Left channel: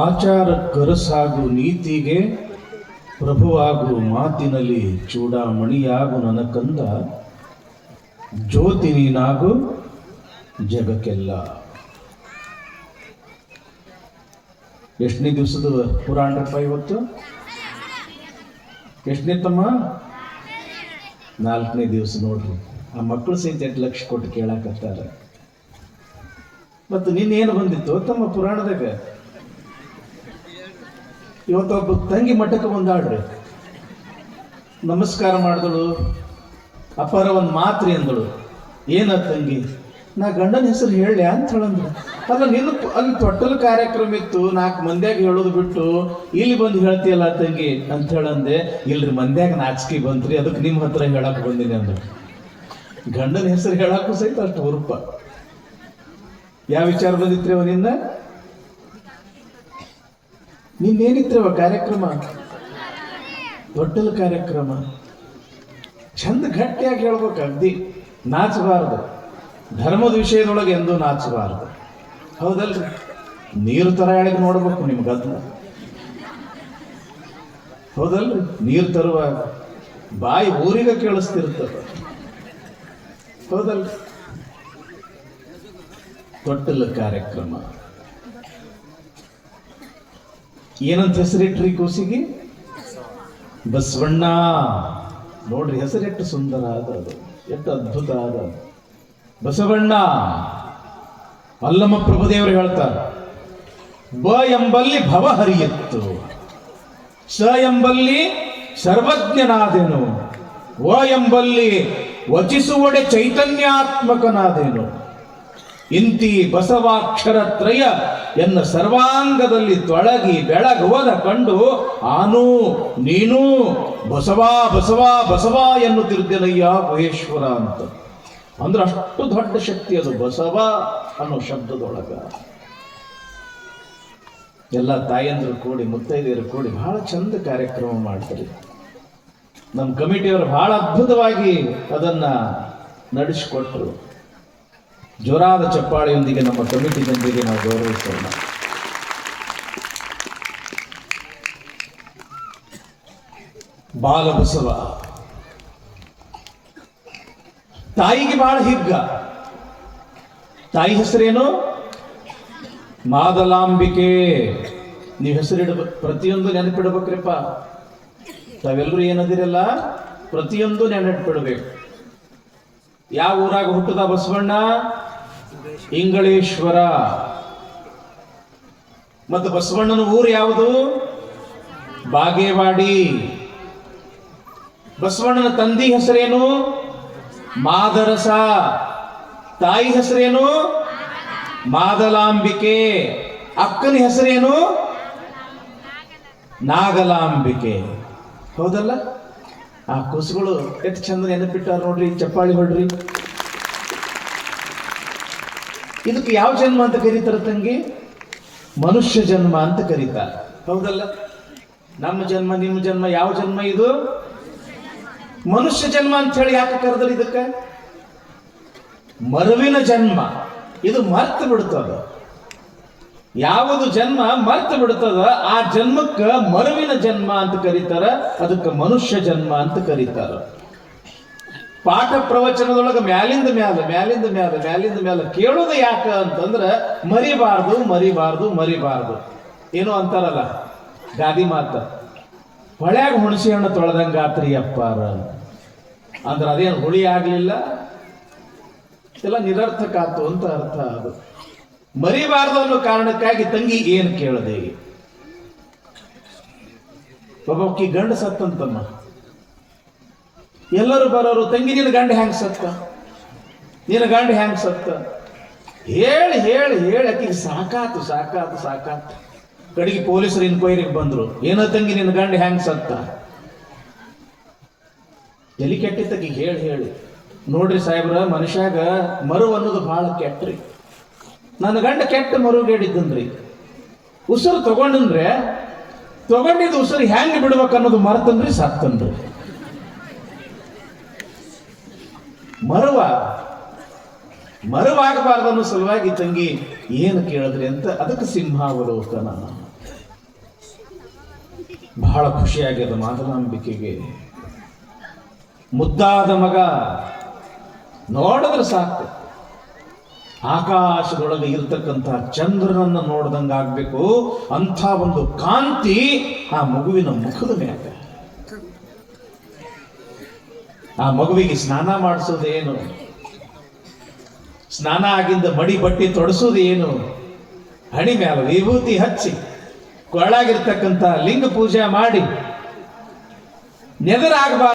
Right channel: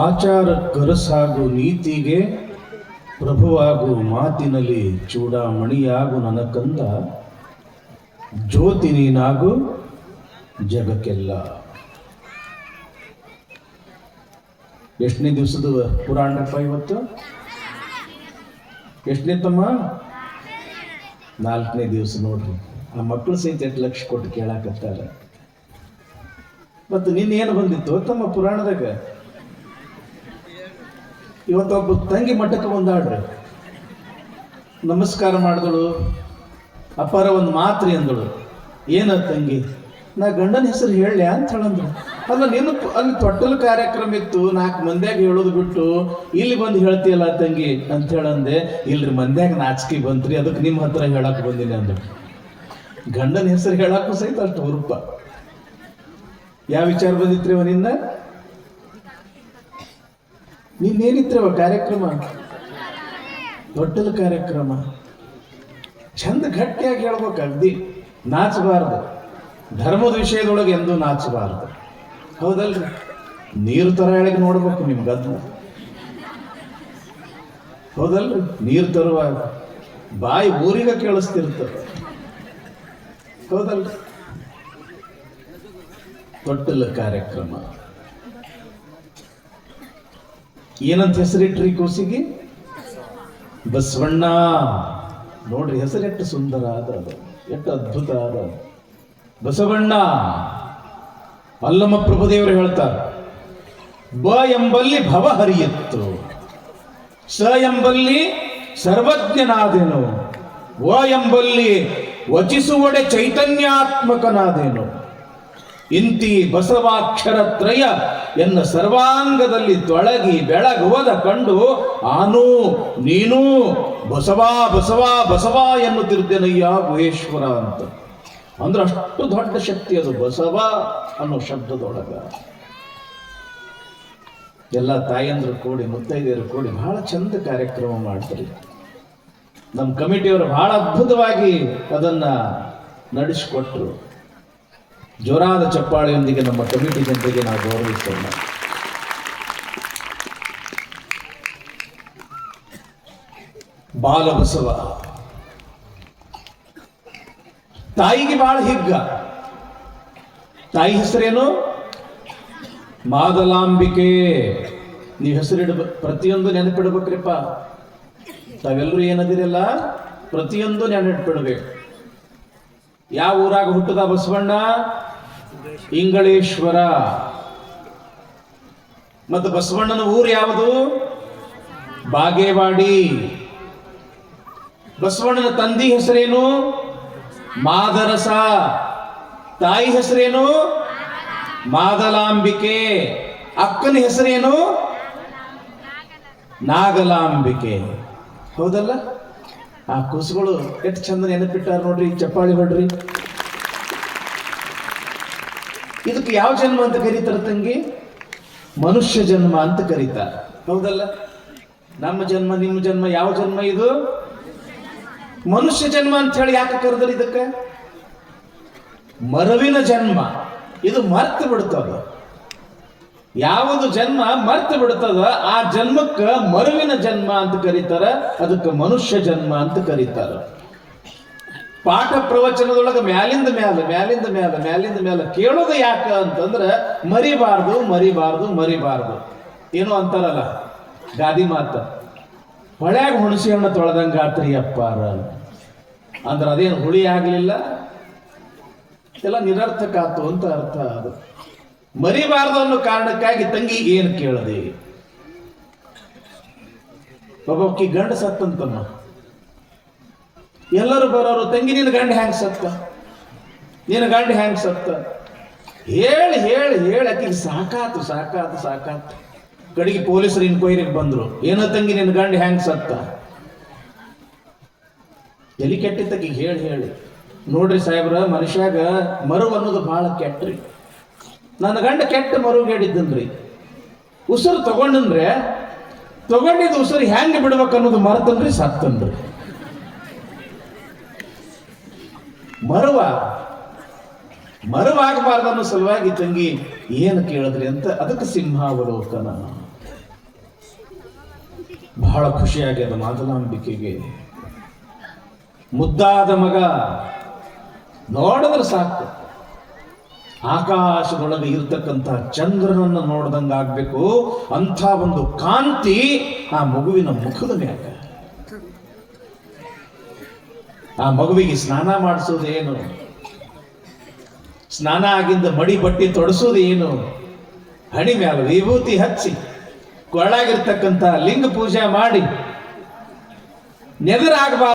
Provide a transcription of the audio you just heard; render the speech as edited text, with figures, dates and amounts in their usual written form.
ಆಚಾರ ಕರಸಾಗು ನೀತಿಗೆ ಪ್ರಭುವಾಗು ಮಾತಿನಲ್ಲಿ ಚೂಡಾಮಣಿಯಾಗು ನನ್ನ ಕಂದ, ಜ್ಯೋತಿ ನೀನಾಗು ಜಗಕ್ಕೆಲ್ಲ. ಎಷ್ಟನೇ ದಿವಸದ ಪುರಾಣಪ್ಪ ಇವತ್ತು? ಎಷ್ಟನೇ ತಮ್ಮ? 4ನೇ ದಿವಸ. ನೋಡ್ರಿ, ಆ ಮಕ್ಕಳು ಸಹಿತ 8 ಲಕ್ಷ ಕೊಟ್ಟು ಕೇಳಾಕತ್ತಾರ. ಮತ್ತು ನಿನ್ನೇನು ಬಂದಿತ್ತು ತಮ್ಮ ಪುರಾಣದಾಗ? ಇವತ್ತೊಬ್ಬ ತಂಗಿ ಮಠಕ್ಕೆ ಬಂದಾಡ್ರಿ, ನಮಸ್ಕಾರ ಮಾಡಿದಳು, ಅಪ್ಪಾರ ಒಂದು ಮಾತ್ರಿ ಅಂದಳು. ಏನ ತಂಗಿ? ನಾ ಗಂಡನ ಹೆಸರು ಹೇಳಿ ಅಂತ ಹೇಳಂದ್ರು. ಅಲ್ಲ, ನಿನ್ನ ಅಲ್ಲಿ ತೊಟ್ಟಲು ಕಾರ್ಯಕ್ರಮ ಇತ್ತು, 4 ಮಂದ್ಯಾಗ ಹೇಳೋದು ಬಿಟ್ಟು ಇಲ್ಲಿ ಬಂದು ಹೇಳ್ತೀಯಲ್ಲ ತಂಗಿ ಅಂತ ಹೇಳಂದೆ. ಇಲ್ರಿ, ಮಂದ್ಯಾಗ ನಾಚಿಕೆ ಬಂತ್ರಿ, ಅದಕ್ಕೆ ನಿಮ್ಮ ಹತ್ರ ಹೇಳಕ್ ಬಂದಿನಿ ಅಂದ್ರು. ಗಂಡನ ಹೆಸರು ಹೇಳಕ್ಕೂ ಸಹಿತ ಅಷ್ಟು ಹುರುಪ. ಯಾವ ವಿಚಾರ ಬಂದಿತ್ರಿ ಅವ ನಿನ್ನ? ನಿನ್ನೇನಿತ್ರಿ ಕಾರ್ಯಕ್ರಮ? ತೊಟ್ಟಲು ಕಾರ್ಯಕ್ರಮ. ಚಂದ ಗಟ್ಟಿಯಾಗಿ ಹೇಳ್ಬೇಕು, ಅಗ್ದಿ ನಾಚಬಾರದು. ಧರ್ಮದ ವಿಷಯದೊಳಗೆ ಎಂದೂ ನಾಚಬಾರದು, ಹೌದಲ್ರಿ? ನೀರು ತರ ಹೇಳಿಗೆ ನೋಡ್ಬೇಕು ನಿಮ್ ಗದ್ದ, ಹೌದಲ್ರಿ? ನೀರು ತರುವಾಗ ಬಾಯಿ ಊರಿಗೆ ಕೇಳಿಸ್ತಿರ್ತದೆ, ಹೌದಲ್ರಿ? ತೊಟ್ಟಲ ಕಾರ್ಯಕ್ರಮ ಏನಂತ ಹೆಸರಿಟ್ರಿ ಕೂಸಿಗೆ? ಬಸವಣ್ಣ. ನೋಡ್ರಿ, ಹೆಸರೆಟ್ಟು ಸುಂದರ ಆದದ್ದು, ಎಷ್ಟು ಅದ್ಭುತ ಆದ ಬಸವಣ್ಣ. ಅಲ್ಲಮ ಪ್ರಭುದೇವರು ಹೇಳ್ತಾರೆ, ಬ ಎಂಬಲ್ಲಿ ಭವ ಹರಿಯತ್ತು, ಸ ಎಂಬಲ್ಲಿ ಸರ್ವಜ್ಞನಾದೆನು, ವ ಎಂಬಲ್ಲಿ ವಚಿಸುವಡೆ ಚೈತನ್ಯಾತ್ಮಕನಾದೆನು. ಇಂತಿ ಬಸವಾಕ್ಷರ ತ್ರಯ ಎನ್ನ ಸರ್ವಾಂಗದಲ್ಲಿ ತೊಳಗಿ ಬೆಳಗುವದ ಕಂಡು ಆನು ನೀನು ಬಸವಾ ಬಸವಾ ಬಸವಾ ಎನ್ನುತ್ತಿದ್ದೇನಯ್ಯ ಮಹೇಶ್ವರ ಅಂತ. ಅಂದ್ರೆ ಅಷ್ಟು ದೊಡ್ಡ ಶಕ್ತಿ ಅದು ಬಸವ ಅನ್ನೋ ಶಬ್ದದೊಳಗ. ಎಲ್ಲ ತಾಯಂದ್ರು ಕೂಡಿ, ಮುತ್ತೈದೆಯರು ಕೂಡಿ ಬಹಳ ಚಂದ ಕಾರ್ಯಕ್ರಮ ಮಾಡ್ತಾರೆ. ನಮ್ಮ ಕಮಿಟಿಯವರು ಬಹಳ ಅದ್ಭುತವಾಗಿ ಅದನ್ನ ನಡೆಸಿಕೊಟ್ರು. ಜೋರಾದ ಚಪ್ಪಾಳೆಯೊಂದಿಗೆ ನಮ್ಮ ಕಮಿಟಿ ಜೊತೆಗೆ ನಾವು ಗೌರವಿಸೋಣ. ಬಾಲಬಸವ ತಾಯಿಗೆ ಬಹಳ ಹಿಗ್ಗ. ತಾಯಿ ಹೆಸರೇನು? ಮಾದಲಾಂಬಿಕೆ. ನೀವು ಹೆಸರಿಡ್ಬೇಕು, ಪ್ರತಿಯೊಂದು ನೆನಪಿಡ್ಬೇಕ್ರಿಪ್ಪ. ತಾವೆಲ್ಲರೂ ಏನದಿರಲ್ಲ, ಪ್ರತಿಯೊಂದು ನೆನಪಿಡ್ಬೇಕು. ಯಾವ ಊರಾಗ ಹುಟ್ಟದ ಬಸವಣ್ಣ? ಇಂಗಳೇಶ್ವರ. ಮತ್ತು ಬಸವಣ್ಣನ ಊರು ಯಾವುದು? ಬಾಗೇವಾಡಿ. ಬಸವಣ್ಣನ ತಂದಿ ಹೆಸರೇನು? ಮಾದರಸ. ತಾಯಿ ಹೆಸರೇನು? ಮಾದಲಾಂಬಿಕೆ. ಅಕ್ಕನ ಹೆಸರೇನು? ನಾಗಲಾಂಬಿಕೆ. ಹೌದಲ್ಲ? ಆ ಕೂಸುಗಳು ಎಷ್ಟು ಚಂದ ನೆನಪಿಟ್ಟಾರ ನೋಡ್ರಿ. ಚಪ್ಪಾಳಿ ಹೊಡ್ರಿ. ಇದಕ್ಕೆ ಯಾವ ಜನ್ಮ ಅಂತ ಕರೀತಾರ ತಂಗಿ? ಮನುಷ್ಯ ಜನ್ಮ ಅಂತ ಕರೀತಾರ, ಹೌದಲ್ಲ? ನಮ್ಮ ಜನ್ಮ ನಿಮ್ಮ ಜನ್ಮ ಯಾವ ಜನ್ಮ ಇದು? ಮನುಷ್ಯ ಜನ್ಮ ಅಂತ ಹೇಳಿ ಯಾಕೆ ಕರೆದ್ರು? ಇದಕ್ಕೆ ಮರುವಿನ ಜನ್ಮ. ಇದು ಮರ್ತು ಬಿಡ್ತದ. ಯಾವುದು ಜನ್ಮ ಮರ್ತು ಬಿಡ್ತದ ಆ ಜನ್ಮಕ್ಕ ಮರುವಿನ ಜನ್ಮ ಅಂತ ಕರೀತಾರ. ಅದಕ್ಕೆ ಮನುಷ್ಯ ಜನ್ಮ ಅಂತ ಕರೀತಾರ. ಪಾಠ ಪ್ರವಚನದೊಳಗೆ ಮ್ಯಾಲಿಂದ ಮ್ಯಾಲ ಕೇಳೋದು ಯಾಕ ಅಂತಂದ್ರೆ ಮರಿಬಾರ್ದು ಮರಿಬಾರ್ದು ಮರಿಬಾರ್ದು. ಏನೋ ಅಂತಾರಲ್ಲ ಗಾದಿ ಮಾತ, ಹೊಳ್ಯಾಗ ಹುಣಸಿ ಹಣ್ಣು ತೊಳೆದಂಗ ಆತ್ರಿ ಅಪ್ಪಾರ ಅಂದ್ರೆ ಅದೇನು ಹುಳಿ ಆಗ್ಲಿಲ್ಲ, ಎಲ್ಲ ನಿರರ್ಥಕ ಆತು ಅಂತ ಅರ್ಥ. ಅದು ಮರಿಬಾರ್ದು ಅನ್ನೋ ಕಾರಣಕ್ಕಾಗಿ ತಂಗಿ ಏನು ಕೇಳದೆ. ಒಬ್ಬಕ್ಕಿ ಗಂಡ ಸತ್ತಂತಮ್ಮ. ಎಲ್ಲರೂ ಬರೋರು, ತಂಗಿ ನಿನ್ನ ಗಂಡ ಹ್ಯಾಂಗ ಸತ್ತ, ನಿನ್ನ ಗಂಡ ಹ್ಯಾಂಗ ಸತ್ತ ಹೇಳಿ ಹೇಳಿ ಹೇಳಿ ಆಕಿಗೆ ಸಾಕಾತು. ಕಡೆಗೆ ಪೊಲೀಸರು ಇನ್ಕ್ವೈರಿಗೆ ಬಂದ್ರು. ಏನೋ ತಂಗಿ ನಿನ್ನ ಗಂಡ ಹ್ಯಾಂಗ ಸತ್ತ? ತಲೆ ಕೆಟ್ಟಿತ್ತಗಿ ಹೇಳಿ ಹೇಳಿ. ನೋಡ್ರಿ ಸಾಹೇಬ್ರ, ಮನುಷ್ಯಾಗ ಮರು ಅನ್ನೋದು ಬಹಳ ಕೆಟ್ಟ್ರಿ. ನನ್ನ ಗಂಡ ಕೆಟ್ಟ ಮರುಗೇಡಿದ್ದನ್ರಿ. ಉಸಿರು ತಗೊಂಡಿದ್ದು ಉಸಿರು ಹ್ಯಾಂಗ ಬಿಡ್ಬೇಕು ಅನ್ನೋದು ಮರ್ತನ್ರಿ, ಸತ್ತನ್ರಿ. ಮರುವ ಮರವಾಗಬಾರ್ದು ಅನ್ನೋ ಸಲುವಾಗಿ ತಂಗಿ ಏನು ಕೇಳಿದ್ರಿ ಅಂತ ಅದಕ್ಕೆ ಸಿಂಹಾವಲೋಕನ. ಬಹಳ ಖುಷಿಯಾಗ್ಯದ ಮಾತನಾಂಬಿಕೆಗೆ. ಮುದ್ದಾದ ಮಗ ನೋಡಿದ್ರೆ ಸಾಕು, ಆಕಾಶದೊಳಗೆ ಇರ್ತಕ್ಕಂಥ ಚಂದ್ರನನ್ನು ನೋಡ್ದಂಗಾಗ್ಬೇಕು ಅಂಥ ಒಂದು ಕಾಂತಿ ಆ ಮಗುವಿನ ಮುಖದ ಮೇಲೆ. ಆ ಮಗುವಿಗೆ ಸ್ನಾನ ಮಾಡಿಸೋದೇನು, ಸ್ನಾನ ಆಗಿಂದ ಮಡಿ ಬಟ್ಟಿ ತೊಡಸೋದೇನು, ಹಣಿ ಮ್ಯಾಲ ವಿಭೂತಿ ಹಚ್ಚಿ ಕೊರಳಾಗಿರ್ತಕ್ಕಂಥ ಲಿಂಗ ಪೂಜೆ ಮಾಡಿ ನೆದರಾಗಬಾರ್ದು.